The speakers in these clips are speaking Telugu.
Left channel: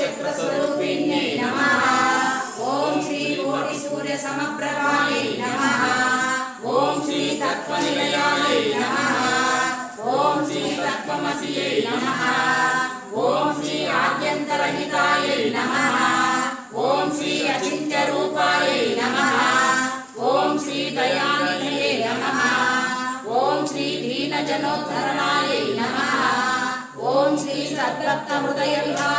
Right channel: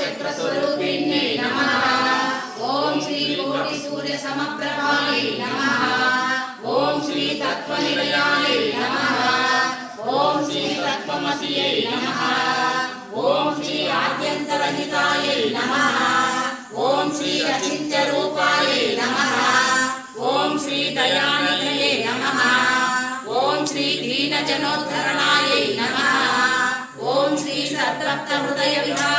చక్రస్వరూపిణ్యై నమ. ఓం శ్రీ కోటి సూర్య సమప్రభాయై నమ. ఓం శ్రీ తత్వ నిలయాయై నమ. ఓం శ్రీ తత్వమసియై నమ. హృదయ విహార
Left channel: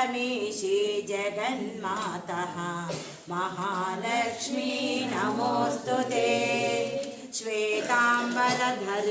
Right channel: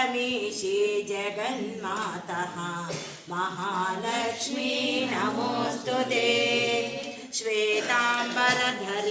परमेशी जगन्मातः। महालक्ष्मी नमोऽस्तु ते। श्वेताम्बरधरे।